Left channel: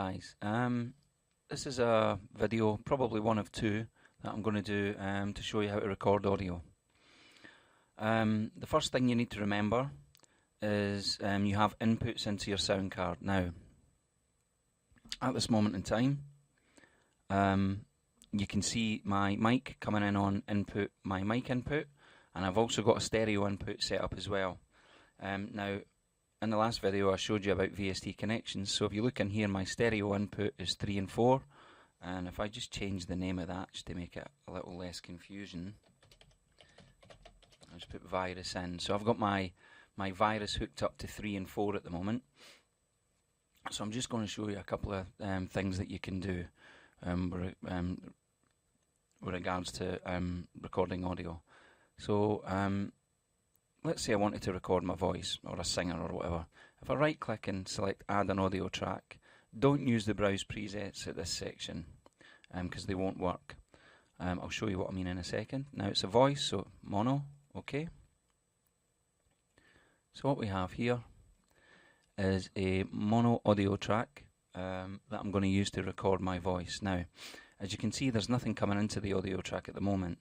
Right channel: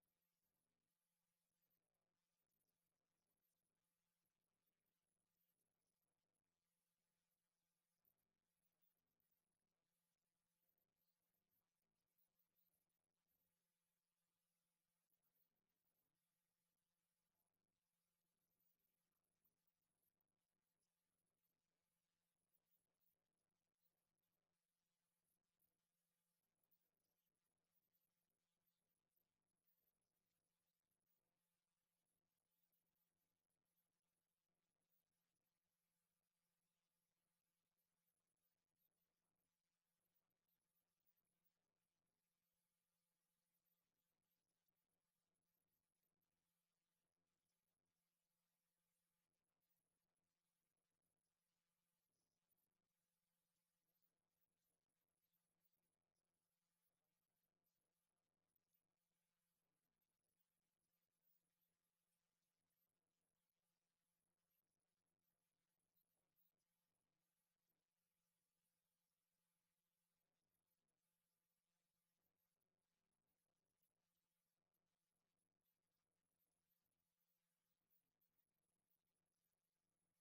Guys, this is a video, probably one of two, that I'm going to do to show you how to record audio. The first thing you need to remember is you have inputs into your sound card. Now, at this moment in time, you can see my mic coming in on input, my mic input, and I've also got a stereo input set up as well. Now, in the last video I showed you about VST connections, so if you look in here, my stereo input is 3 and 4, and if I just change the name of that just to make it a little less confusion, I'll just put virus in. So I've got my virus hooked up to 3 and 4 at the moment. So I'm just going to show you a couple of things that you can do with regards to recording audio. So let's say I wanted to record my voice, or a singer or whatever. If I right click and select add an audio track, don't use the browse presets at this section because they won't work. I'll show you what I mean in a second. Now it's a voice, so mono, okay. So what we have here is a mono audio track that I'm going to use to record my voice. Now, as you can see, there's nothing coming into the audio track at the moment.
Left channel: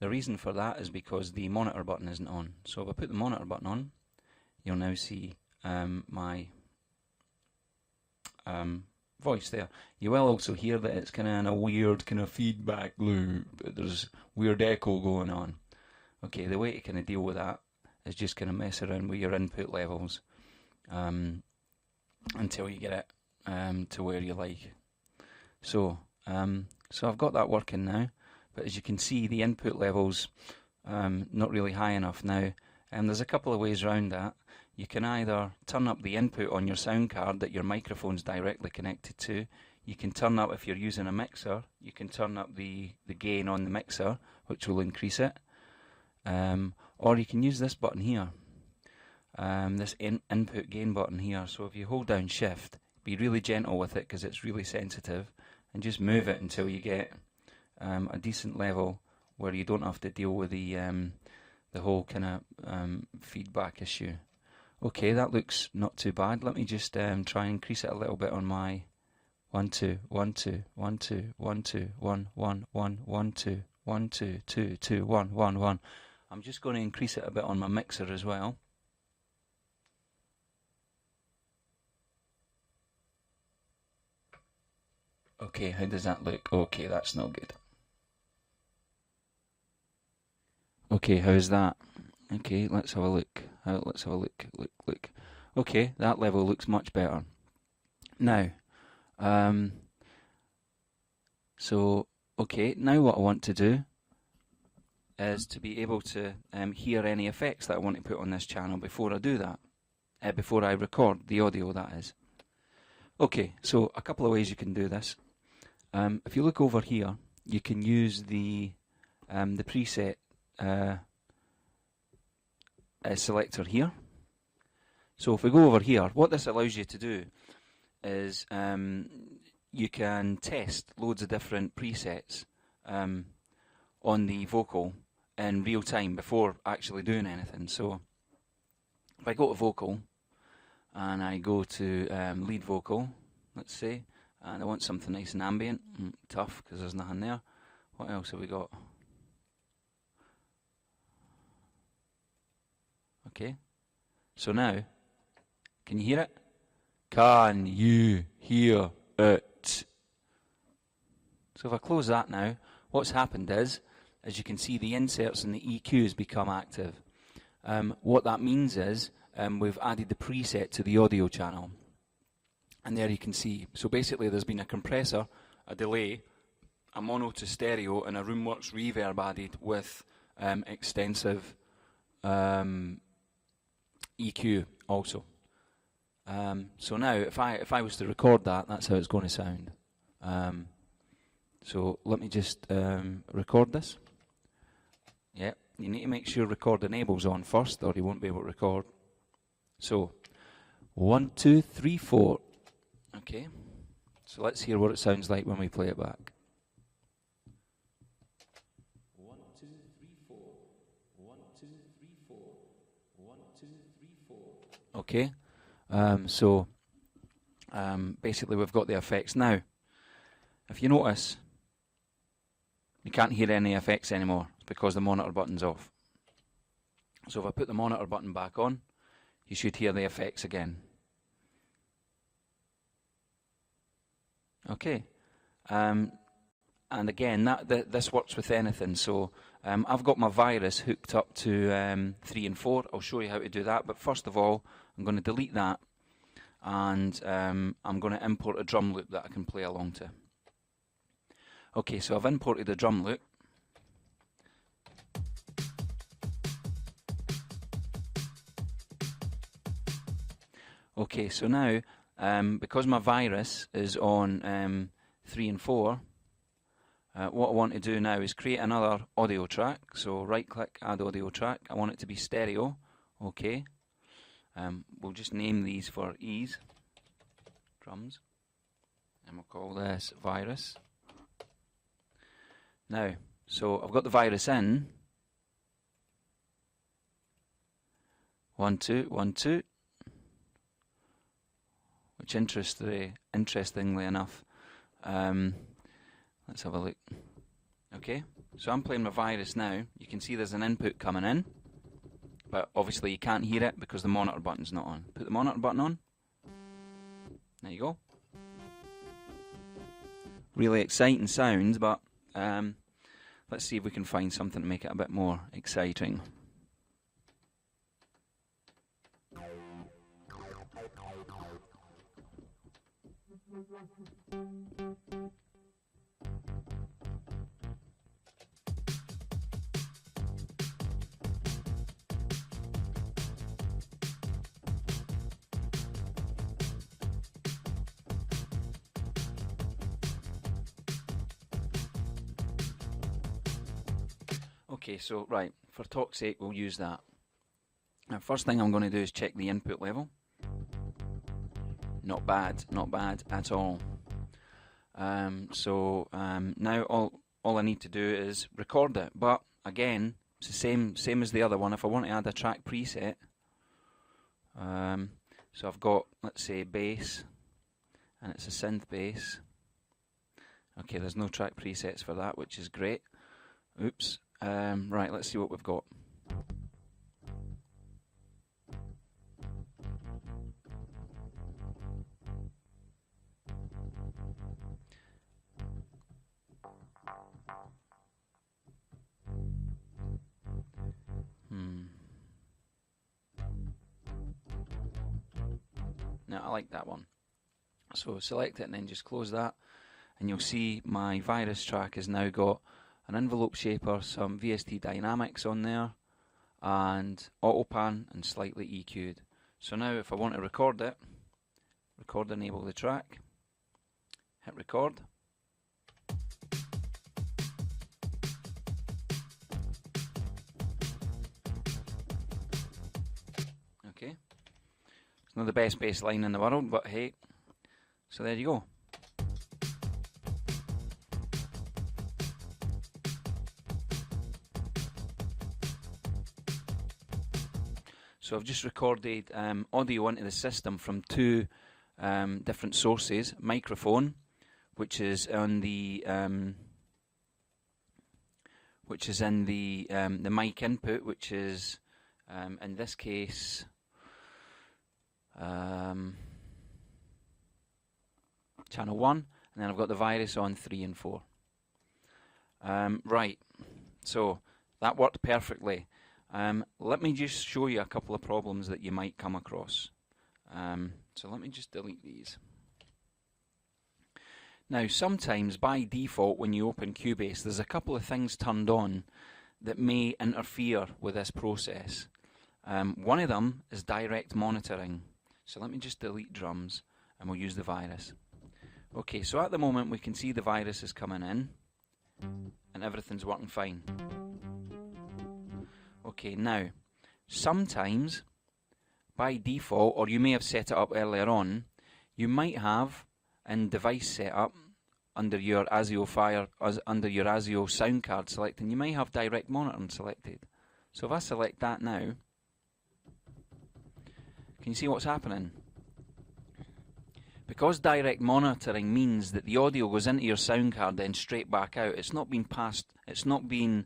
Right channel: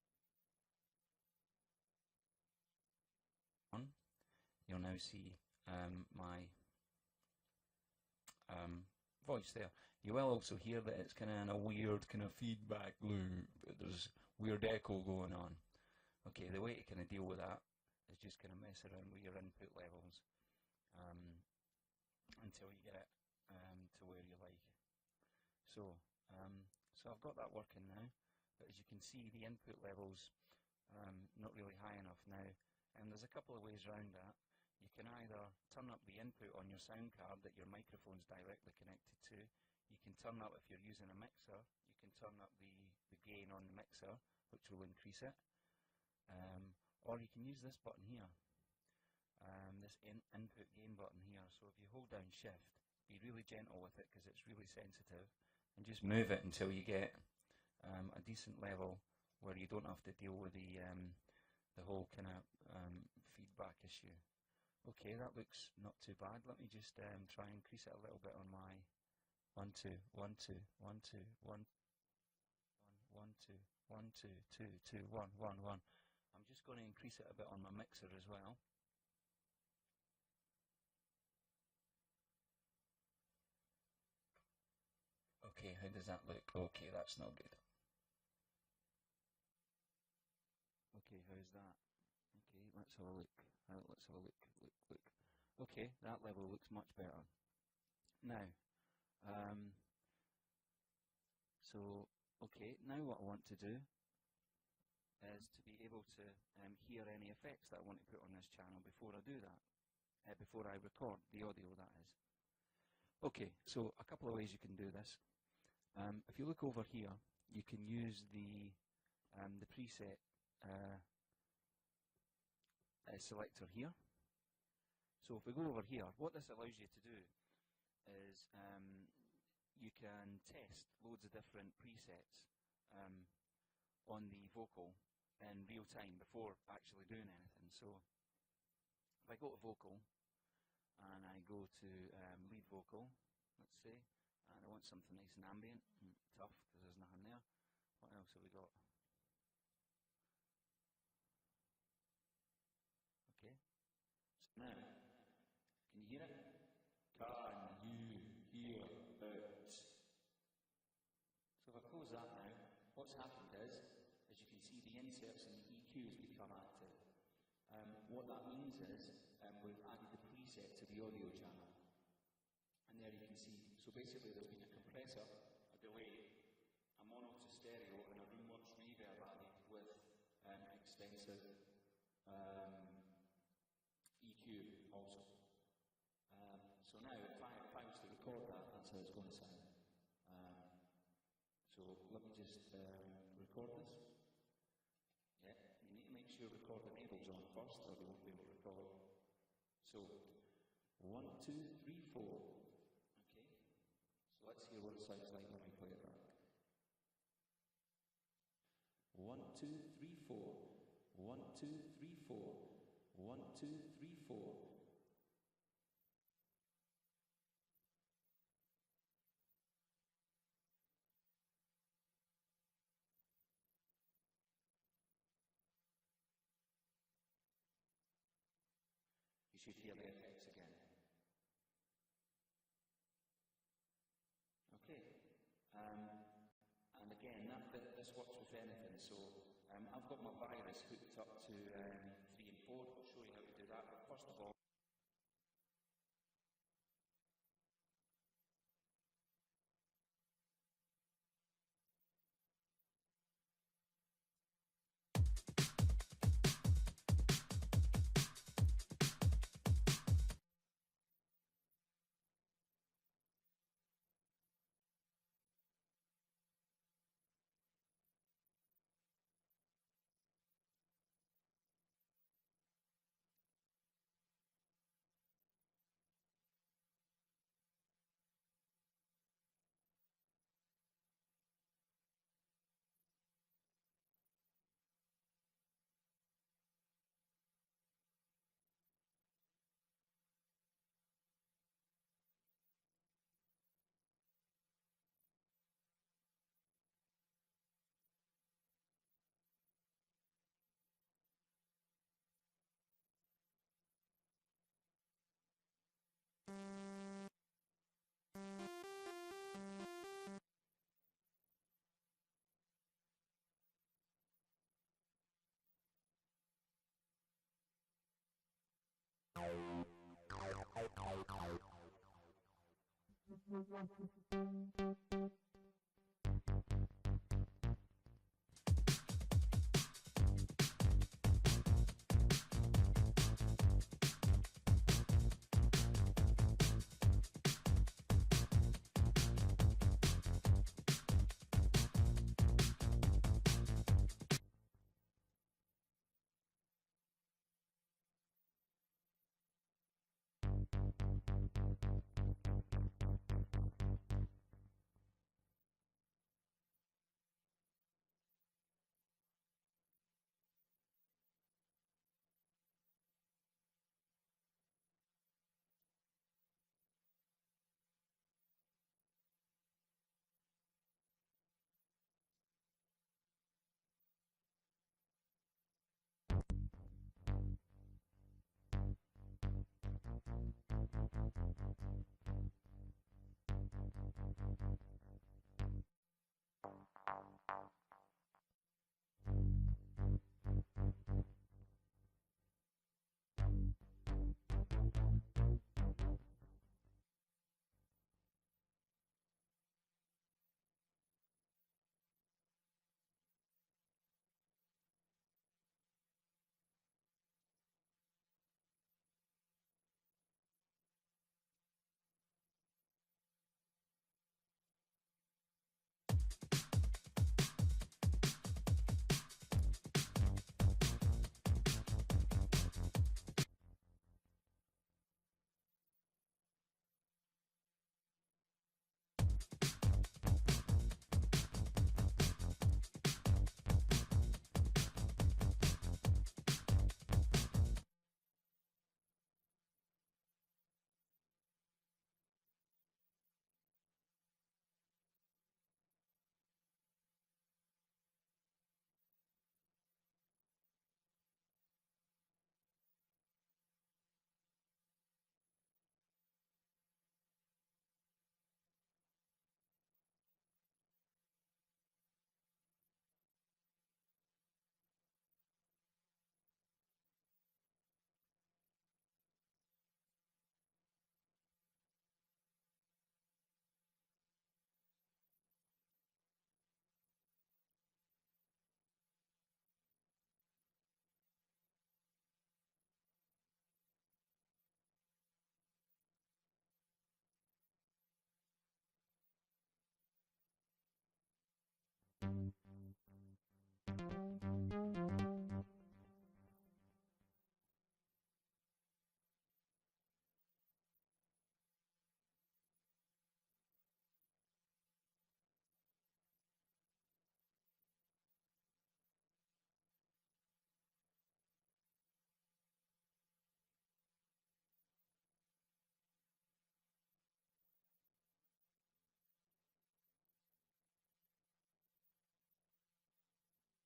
The reason for that is because the monitor button isn't on. So if I put the monitor button on, you'll now see my voice there. You will also hear that it's kind of in a weird kind of feedback loop. There's weird echo going on. Okay, the way to kind of deal with that is just kind of mess around with your input levels until you get it to where you like. So I've got that working now. But as you can see, the input level's not really high enough now. And there's a couple of ways around that. You can either turn up the input on your sound card that your microphone's directly connected to. You can turn up, if you're using a mixer, you can turn up the gain on the mixer, which will increase it. Or you can use this button here, this input gain button here. So if you hold down shift, be really gentle with it because it's really sensitive, and just move it until you get a decent level where you don't have to deal with the whole kind of feedback issue. Okay, that looks not too bad. Let me just try and increase it a little bit on my 1 2 1 2 1 2 1 2 1 1 1 1 2 1 2 2 2 1 1 1. I'm just going to increase it a bit on my mixer as well. Okay, how does that look? Okay, that's not good. Okay, how's that? Okay, let's have a look. Let's have a look. Look. Okay, that level looks much better. Now, okay, now what I want to do is to be able to hear any effects that I want to put on this channel before I do that. Before I record the audio, that is. Okay, so a couple of ways you can do this. If you look over here, you can use the preset selector here. So if we go over here, what this allows you to do is you can test loads of different presets on the vocal in real time before actually doing anything. So if I go to vocal and I go to lead vocal, let's say, and I want something nice and ambient, tough because there's nothing there. What else have we got? Okay, so now, can you hear it? Can you hear it? So if I close that now, what's happened is, as you can see, the inserts and the EQs become active. What that means is, we've added the preset to the audio channel. And there you can see, so basically there's been a compressor, a delay, a mono to stereo, and a Roomworks reverb added with extensive EQ also. So now, if I was to record that, that's how it's going to sound. So let me just record this. Yeah, you need to make sure record enable's on first, or you won't be able to record. So 1 2 3 4. Okay. So let's hear what it sounds like when we play it back. 1 2 3 4. 1 2 3 4. 1 2 3 4. Okay. So basically we've got the effects. Now, if you notice, you can't hear any effects anymore because the monitor button's off. So if I put the monitor button back on, you should hear the effects again. Okay, and again, this works with anything. So I've got my virus hooked up to 3 and 4. I'll show you how to do that, but first of all, I'm going to delete that, and I'm going to import a drum loop that I can play along to. Okay, so I've imported a drum loop. Okay, so now, because my virus is on 3 and 4, what I want to do now is create another audio track. So right click, add audio track. I want it to be stereo. Okay. We'll just name these for ease. Drums. And we'll call this virus. Now, so I've got the virus in. 1, 2, 1, 2. Which interestingly enough, let's have a look. Okay, so I'm playing my virus now. You can see there's an input coming in, but obviously you can't hear it because the monitor button's not on. Put the monitor button on. There you go. Really exciting sounds, but let's see if we can find something to make it a bit more exciting. Okay, so right, for talk's sake, we'll use that. Now, first thing I'm going to do is check the input level. Not bad at all. Now all I need to do is record it. But again, it's the same as the other one. If I want to add a track preset, so I've got, let's say, bass, and it's a synth bass. Okay, there's no track presets for that, which is great. Oops. Right, let's see what we've got. Now, I like that one. So select it and then just close that, and you'll see my virus track has now got an envelope shaper, some VST dynamics on there, and auto pan and slightly EQ'd. So now if I want to record it, record, enable the track, hit record. Okay, it's not the best bass line in the world, but hey, so there you go. So I've just recorded audio into the system from 2 different sources. Microphone, which is on the the mic input, which is in this case channel 1, and then I've got the virus on 3 and 4. Right, so that worked perfectly. Let me just show you a couple of problems that you might come across. So let me just delete these. Now, sometimes by default when you open Cubase, there's a couple of things turned on that may interfere with this process. One of them is direct monitoring. So let me just delete drums and we'll use the virus. Okay, so at the moment we can see the virus is coming in and everything's working fine. Okay, now, sometimes, by default, or you may have set it up earlier on, you might have in device setup under your under your ASIO sound card selecting, you might have direct monitoring selected. So if I select that now, can you see what's happening? Because direct monitoring means that the audio goes into your sound card then straight back out. It's not been passed. It's not been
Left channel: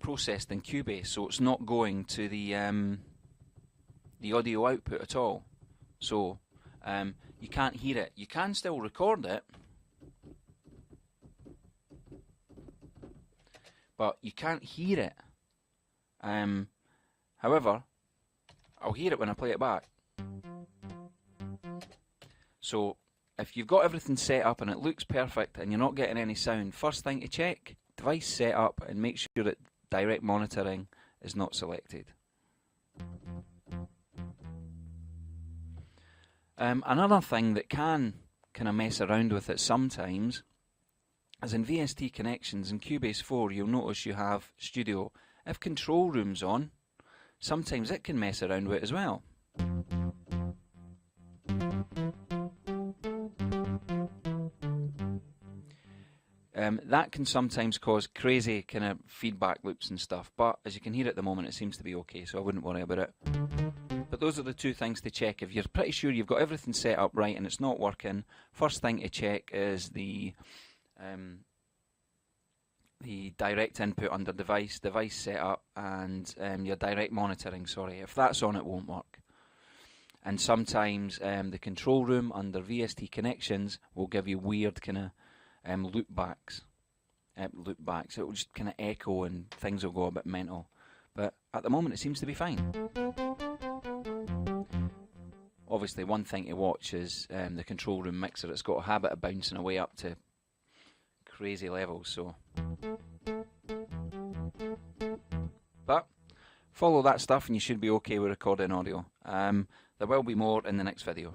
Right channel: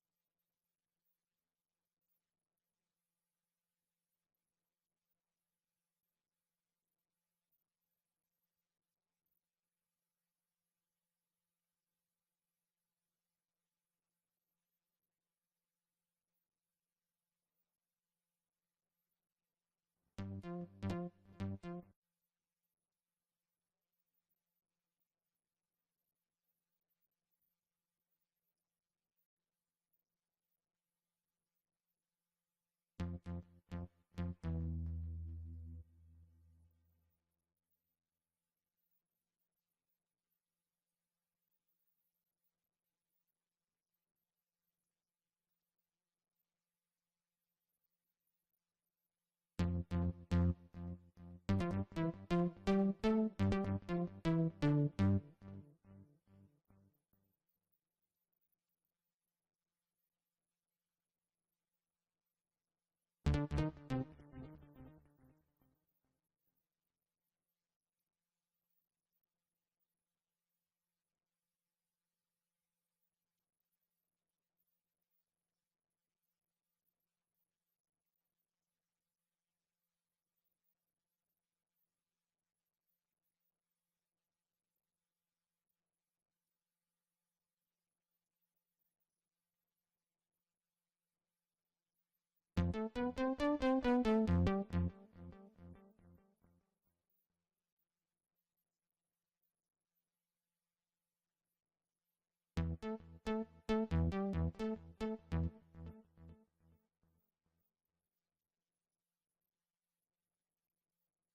processed in Cubase, so it's not going to the audio output at all. So you can't hear it. You can still record it, but you can't hear it. However, I'll hear it when I play it back. So if you've got everything set up and it looks perfect and you're not getting any sound, first thing to check, device setup, and make sure that direct monitoring is not selected. Another thing that can kind of mess around with it sometimes is in VST connections. In Cubase 4 you'll notice you have Studio. If Control Room's on, sometimes it can mess around with it as well. That can sometimes cause crazy kind of feedback loops and stuff, but as you can hear at the moment it seems to be okay, so I wouldn't worry about it. But those are the two things to check. If you're pretty sure you've got everything set up right and it's not working, first thing to check is the direct input under device setup, and your direct monitoring, sorry. If that's on, it won't work. And sometimes the control room under VST connections will give you weird kind of loopbacks. It will just kind of echo and things will go a bit mental. But at the moment it seems to be fine. Obviously one thing to watch is the control room mixer. It's got a habit of bouncing away up to crazy levels, so. But follow that stuff and you should be okay with recording audio. There will be more in the next video.